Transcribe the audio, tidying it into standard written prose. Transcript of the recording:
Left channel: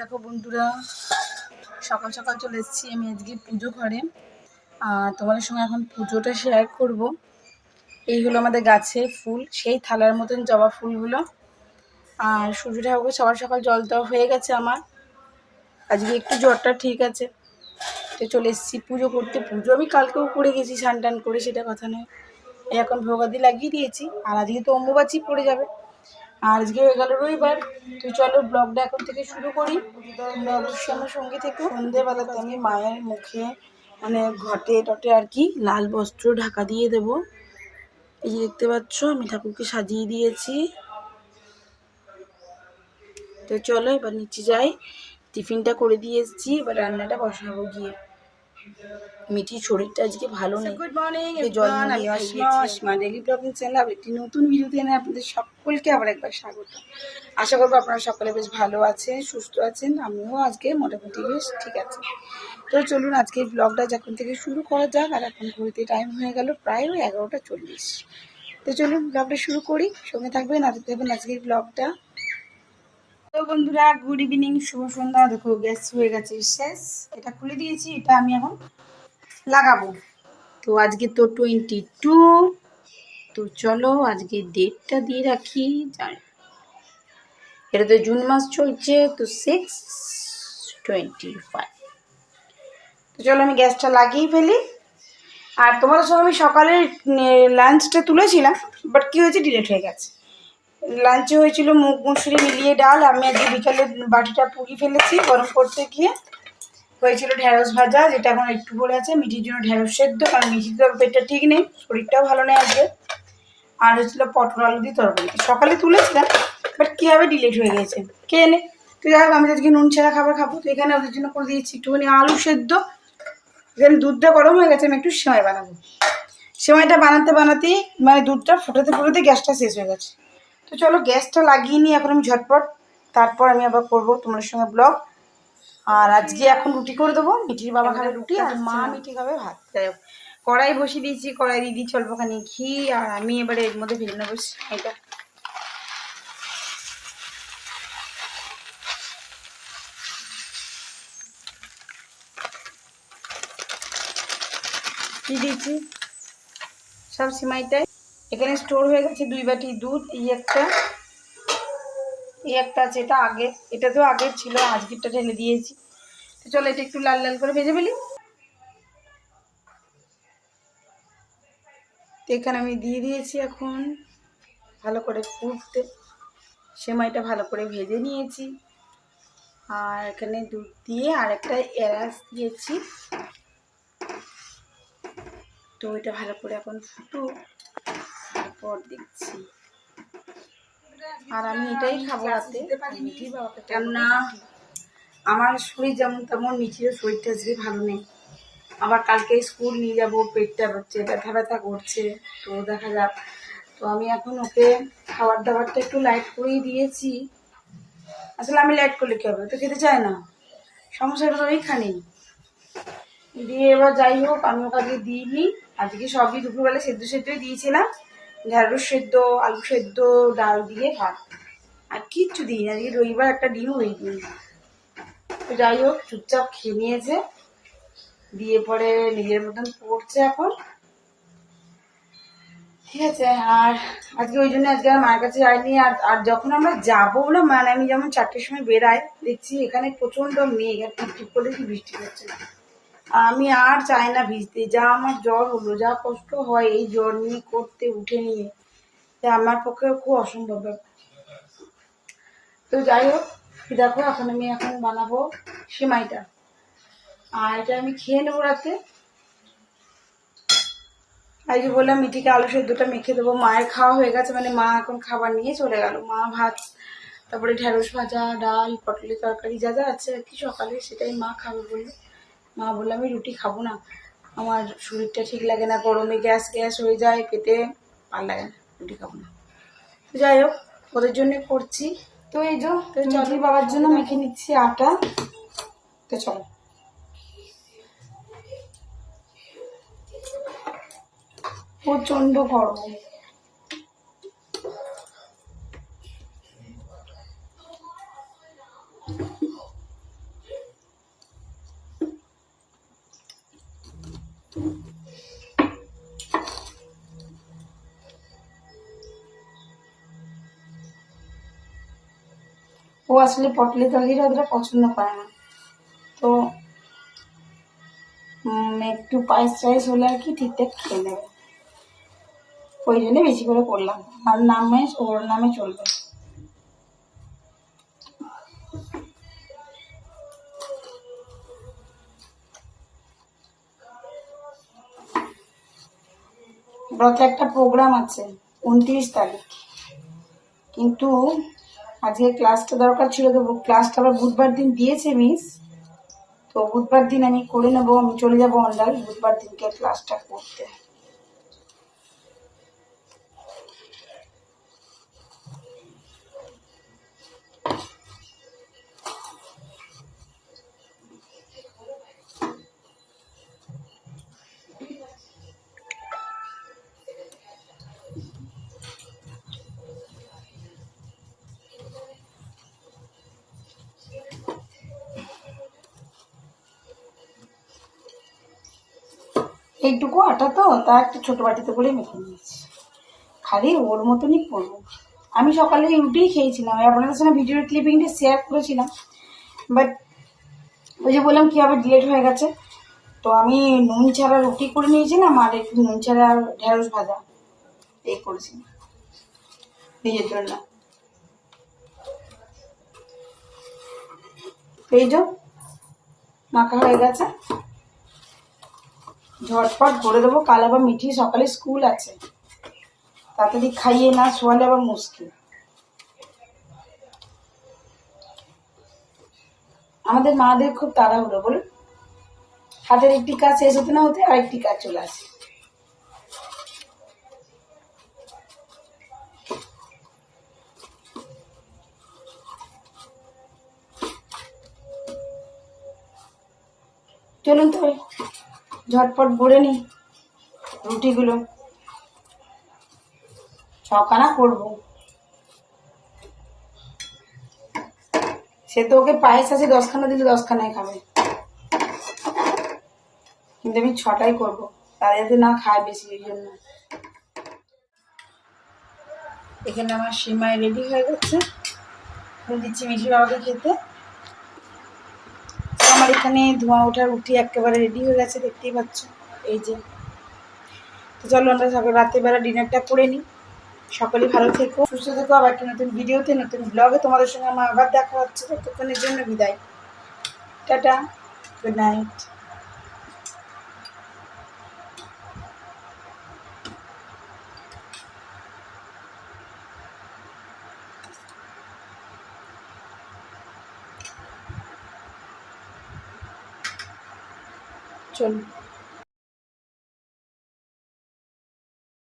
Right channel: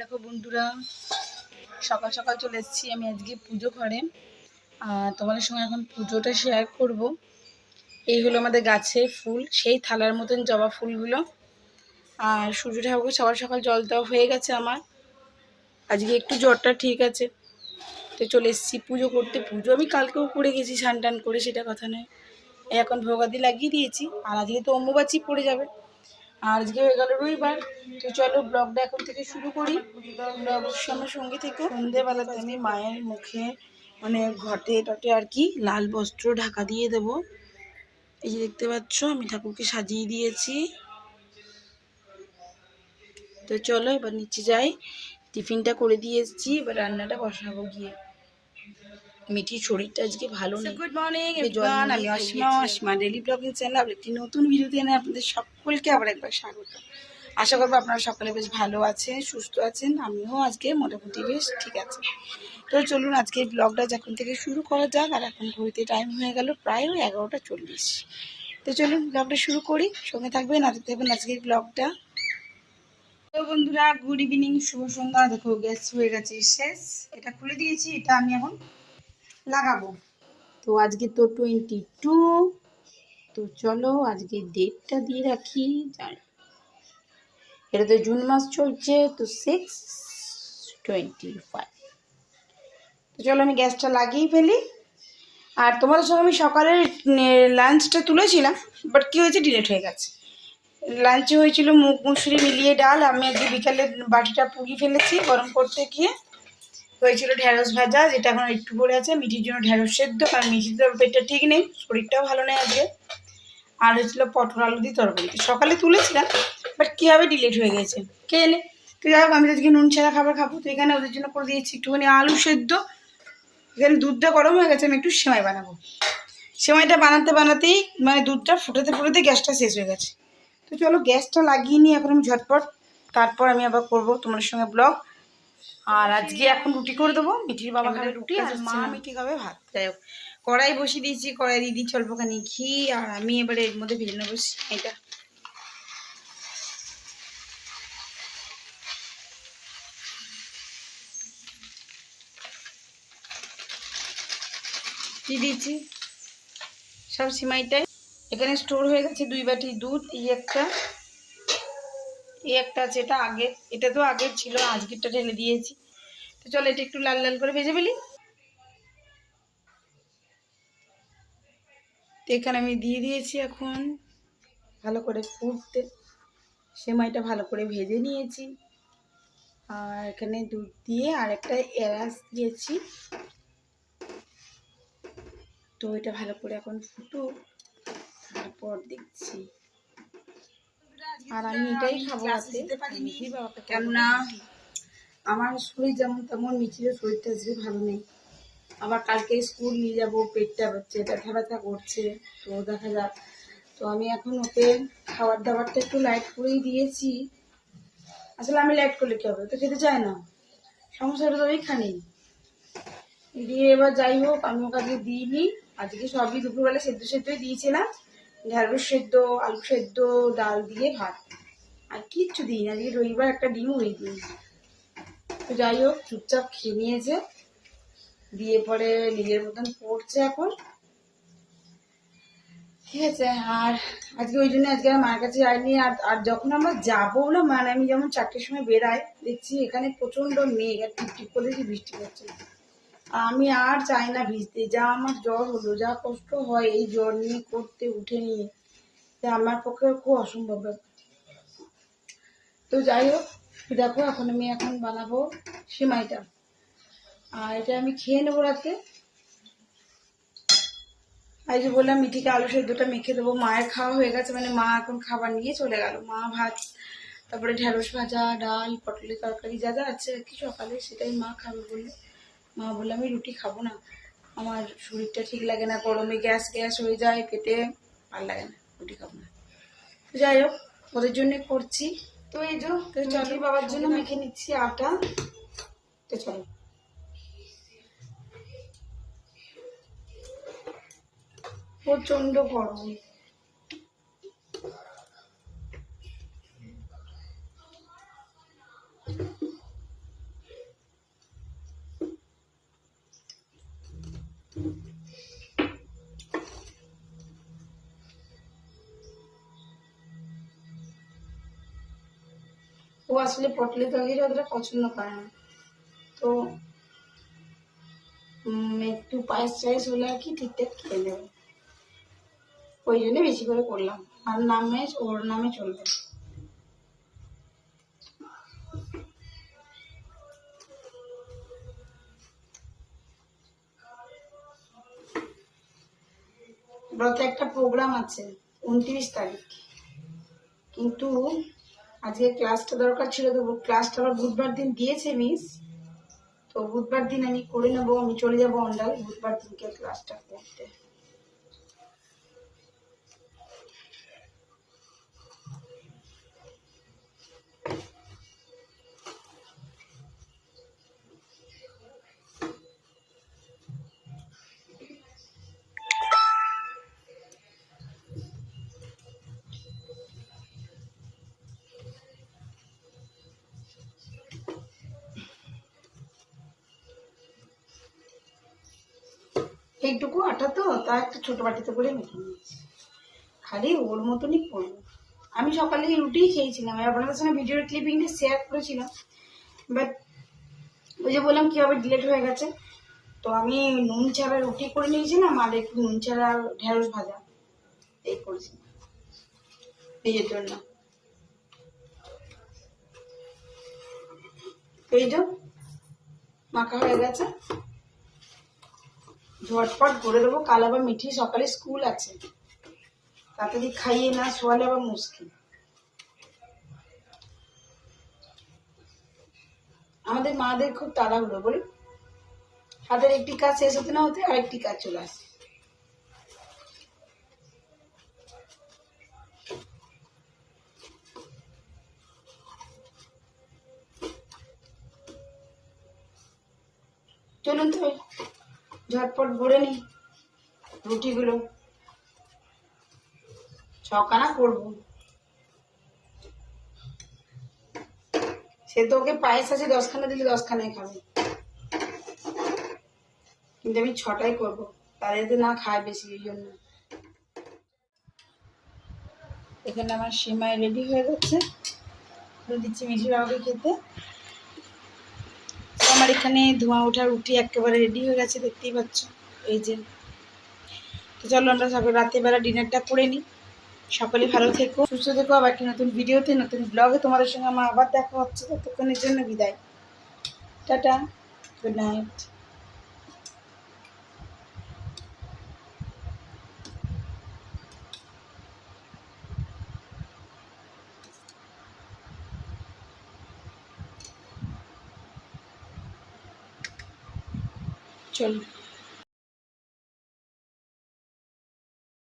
দেখো বন্ধুরা, সকাল সকাল চলে এসেছি আমি আজকে পুজো ঘরে। তোমাদের সঙ্গে এখন পুজোটা শেয়ার করব। এই হলো আমাদের গাছের ফুল, সেই থালার মতন জবা ফুলগুলো। আর সূর্য ঠাকুরকে সকাল সকাল জল দেওয়া হয়ে গেছে আমার। আজকে একটু জ্বরটা ঠিক আছে, তো চলে এসেছি পুজো করতে। পুজো আমি কালকেও করে গেছি স্নান টান করে, সেটা কথা নয়। এখন ভোগাদি লাগিয়ে দিয়েছি, আর আজকে তো অম্বুবাচী পড়ে যাবে। আর আজকে হয়ে গেল রবিবার। তো চলো ব্লগটা এখন থেকে শুরু করি। তোমরা অবশ্যই আমার সঙ্গে থেকো। সন্ধ্যেবেলাতে আমি মায়ের মুখে মানে ঘটে টটে আর কি লাল বস্ত্র ঢাকা দিয়ে দেব। এই যে দেখতে পাচ্ছ আমি ঠাকুরকে সাজিয়ে দিয়েছি। তো চলো এবার নিচে যাই, টিফিনটা করে দিয়ে এসেছি, এবার রান্নাটা বসাবো গিয়ে। মিঠির শরীরটা আজকে ভালো নেই। গুড মর্নিং এভরিওয়ান, আমি অসীমা ডেইলি ব্লগিং চ্যানেল একটি নতুন ভিডিওতে এনে আপনাদের সকলকে আবার একবার স্বাগত। আশা করবো আপনারা সকলে বেশ ভালো আছেন, সুস্থ আছেন। আমিও আজকে মোটামুটি বেশ ঠিক আছে। তো চলুন আজকে ব্লগটা যখন থেকে শুরু করা যাক। আর এখন ঘুরতে টাইম হয়ে গেল প্রায় 11:40। তো চলুন ব্লগটা শুরু করি, সঙ্গে থাকবেন আর দেখবেন আজকের ব্লগটা। তো বন্ধুরা গুড ইভিনিং, শুভ সন্ধ্যা। দেখো গ্যাস হয়ে গেছে শেষ, এটা খুলে দিয়েছি, এটা আমি এখন লাগাবো। তো আজকে তো 22। তো চলো আজকে ডেটটা দিয়ে রাখি। এটা তো জুন মাস চলছে, তো 6/25। তো চলো আমি গ্যাসটা লাগিয়ে ফেলি। আর তোমাদের সঙ্গে আমি সকালে লাঞ্চটা তুলেছিলাম, বাট কী হয়েছে, ডিলেট হয়ে গেছে। লাঞ্চে হয়েছিল মুগ মুসুরি মিলিয়ে ডাল। আমি আজকে বিকালে বাটিটা পুড়িয়ে ফেলেছি গরম করতে গিয়ে। হয়েছিল ঢ্যাঁড়স ভাজা, যেটা এখন একটু পড়ে আছে। মিঠির জন্য ঢ্যাঁড়স সেদ্ধ, কারণ মিঠির তো পেটটা ঠিক নেই, শরীরটাও ভালো নেই আজকে। আর হয়েছিল পটল আলু দিয়ে তরকারি। সকালে তুলেছিলাম, বাট কীভাবে ডিলিট হয়ে গেছে কে এনে। তো যাই হোক, আমি আজকে নুন ছাড়া খাবার খাবো, তো এখানে ওদের জন্য করে দিয়েছি একটুখানি আলু সেদ্ধ। এখানে দুধটা গরম হয়ে গেছে, আমি একটু সেমাই বানাবো। সেমাইটা বানাতে বানাতেই মানে দুধটা ফোটাতে ফোটাতে গ্যাসটা শেষ হয়ে গেছে। তো চলো গ্যাসটা লাগিয়ে নিই এখন আমি ঝটপট, তারপর আমি আবার করবো তোমাদের সঙ্গে ব্লগ। আর আজকে এখন রুটি করে দেবো, মিঠির বাবা খাবে রুটি আর মা মিঠি খাবে ভাত। যাই হোক, কড়াই বসিয়ে দিয়েছি, কড়াই দিয়ে দিচ্ছি অল্পখানি ঘি। আর আমি এবারে এর মধ্যে ভেজে নেবো এটা। দিয়ে দিয়েছি সব সিমাইটাই। এখানে স্টোর হয়ে গেছে 2 বাটি দুধ। এই একটা আছে, এটা আগে, এটা তো আগে ছিল, আজকেরটা ঢেলে দিয়েছি। তো চলো এটা একটু লাল লাল করে ভেজে ফেলি। তো এখানে আমি দিয়ে দিয়েছি এখন ভালো করে ফুটতে। সেমাইটা ভালো করে ভেজে নিয়েছি। আর এখানে দুধ দিয়ে আর একটা এলাচ দিয়েছি। তো এটা ভালো করে এখন ফুটুক, তারপর দেখছি। আর আমি এটাই খাবো রাতে, কেননা আমার শরীর যেমন তেমন, মিঠির শরীরটা আজকে ভালো নেই। আবার কালকে স্কুল নিয়ে যাবো, পেটটা হচ্ছে ব্যথা ব্যথা করছে, তো দেখা যাক। তো আমি এখন ওকে খাবার দাবারটা একটু লাইট করেই দিয়েছি। আসলে আমি লাইট করলে কী হবে, তো খেতে চায় না, সমস্যাটা তো ওইখানেই। দিয়ে এবার যাই হোক, আমি ওকে আজকে দিইনি। আজকে সবই দুপুরবেলা সেদ্ধ সেদ্ধই দিয়েছিলাম, ঢ্যাঁড়স সেদ্ধ, আলু সেদ্ধ, ডাল দিয়ে ভাত, আর কিচ্ছু দিই না। আজকে রবিবার একটা ডিমও দিই। তো যাই হোক চুপচাপ খেয়ে নিয়েছে, দিয়ে পরে নিজের মতন পড়ছে এখন, ঠিক আছে। আর আজকে ওই জন্য আজকে আমার মায়ের কাছে যাইনি। আর যখন আমরা যাবো না, মানে আমি যেমন 4টের সময় বেরাই, দেখছি এখানে প্রচন্ড মেঘ আর টিপটিপ করে বৃষ্টি হচ্ছে। আমি আর চাই না ভিজতে। যা আমার জ্বর হলো, যা কষ্ট হয় এই জ্বর নিয়ে করতে উঠে নিয়ে, আমার পক্ষে খুব অসম্ভব ব্যাপার। তো যাই হোক দেখো, এখন আমি বানাবো সেমাইটা, আর এটা আমি খেয়ে নেবো রাতে। আর যে বললাম মিঠিকে আলু সেদ্ধটা মেখে দেবো। মায়ের খাওয়া হয়ে গেছে, মানে মা এখন খাবার নিয়ে চলে গেল। মা ভাত, তারপরে ঢ্যাঁড়স ভাজা, ডাল, পটলের তরকারি যা যা আছে আর কি সকালে, সেটাই মা খাবে বললো। মা বললো আমি রুটি খাবো না, আমার শরীরটা ঠিক লাগে না, গরমে গ্যাস গ্যাস হয়ে যায় পেটে, ভালো লাগে না, রুটি খাবো না। যাই হোক ওদের জন্য করছি। তো এই যে চলি বাবার জন্য মেখে নিচ্ছি আটা। তো চলো, প্রচন্ড গরম। ও আসলে পটলি তরকারিটা অতটা পছন্দ করে না, তো একটু পায়েস টায়েস হলে আর কি ঠিকঠাক খেয়ে নেবে, ওই জন্য বেশি করে করলাম। আর নামে ওর নামে চলবে। রথে একটা প্রোগ্রাম আছে 29 তারিখ, কিন্তু আজকে ক্লাসটা দরকার ছিল, তো ক্লাসটা আবার বুধবার দিন দিয়েছে মিস। তো বুধবার দিন আমি করে নেবো, আমি চলে যাবো অন্ডাল বুধবার দিনকে ক্লাসটা করতে। এইটুকু আটা তো, তা একটা ছোট বাটিতে করে মেখে নিয়েছি, খালি ওর মতনই করবো। আমি সকালে রুটিই খেয়েছিলাম, আপনাদের সঙ্গে ভিডিওর ক্লিপিংটা শেয়ার করেছিলাম, বাট ওই যে বললাম কীভাবে ডিলেট হয়ে গেছে। তো আমি নুন ছাড়া রুটি করে নিয়েছিলাম, আর একটু নুন ছাড়া ঢেঁড়স ভাজা এই করেছি নিজের জন্য। এই যে মাখা হয়ে গেছে, ঝটপট করে দেবো, কাল আবার মিঠি সকালে স্কুল আছে, তাড়াতাড়ি খাইয়ে না শোয়ালে আবার মুশকিল। আমাদের মাদের খুব তাড়াহুড়ো বলুন, হাতের একটি কাজ শেষ হতে না হতে আরেকটি কাজ চলে আসে। চলুন তো ঝটপট গড়ে নিই রুটিগুলো, ছখানা করবো। সে তো ওকে পায়েস আছে 10খানা দিলে 10খানায় খাবে, কিন্তু আমি 6টাই করবো, তারা যাতে না খায় বেশি, এই জন্য। এখানে আমার সিমাই রেডি হয়ে গেছে, আমি দিচ্ছি মিঠি বাবাকে খেতে। আমার এখানে ধোঁয়া ওঠা রুটি একেবারে রেডি হয়ে গেছে, দেখতেই পাচ্ছ এই যে। তো চলো আমরা সকাল রাত্রিবেলা ডিনারটা করে নিই। সকলে ভালো থেকো, সুস্থ থেকো, আবার একটা নতুন ভিডিওতে নতুন ব্লগে তোমাদের সঙ্গে আমার আবার দেখা হচ্ছে। ততক্ষণের জন্য বিদায়, টাটা, গুড নাইট। চলো।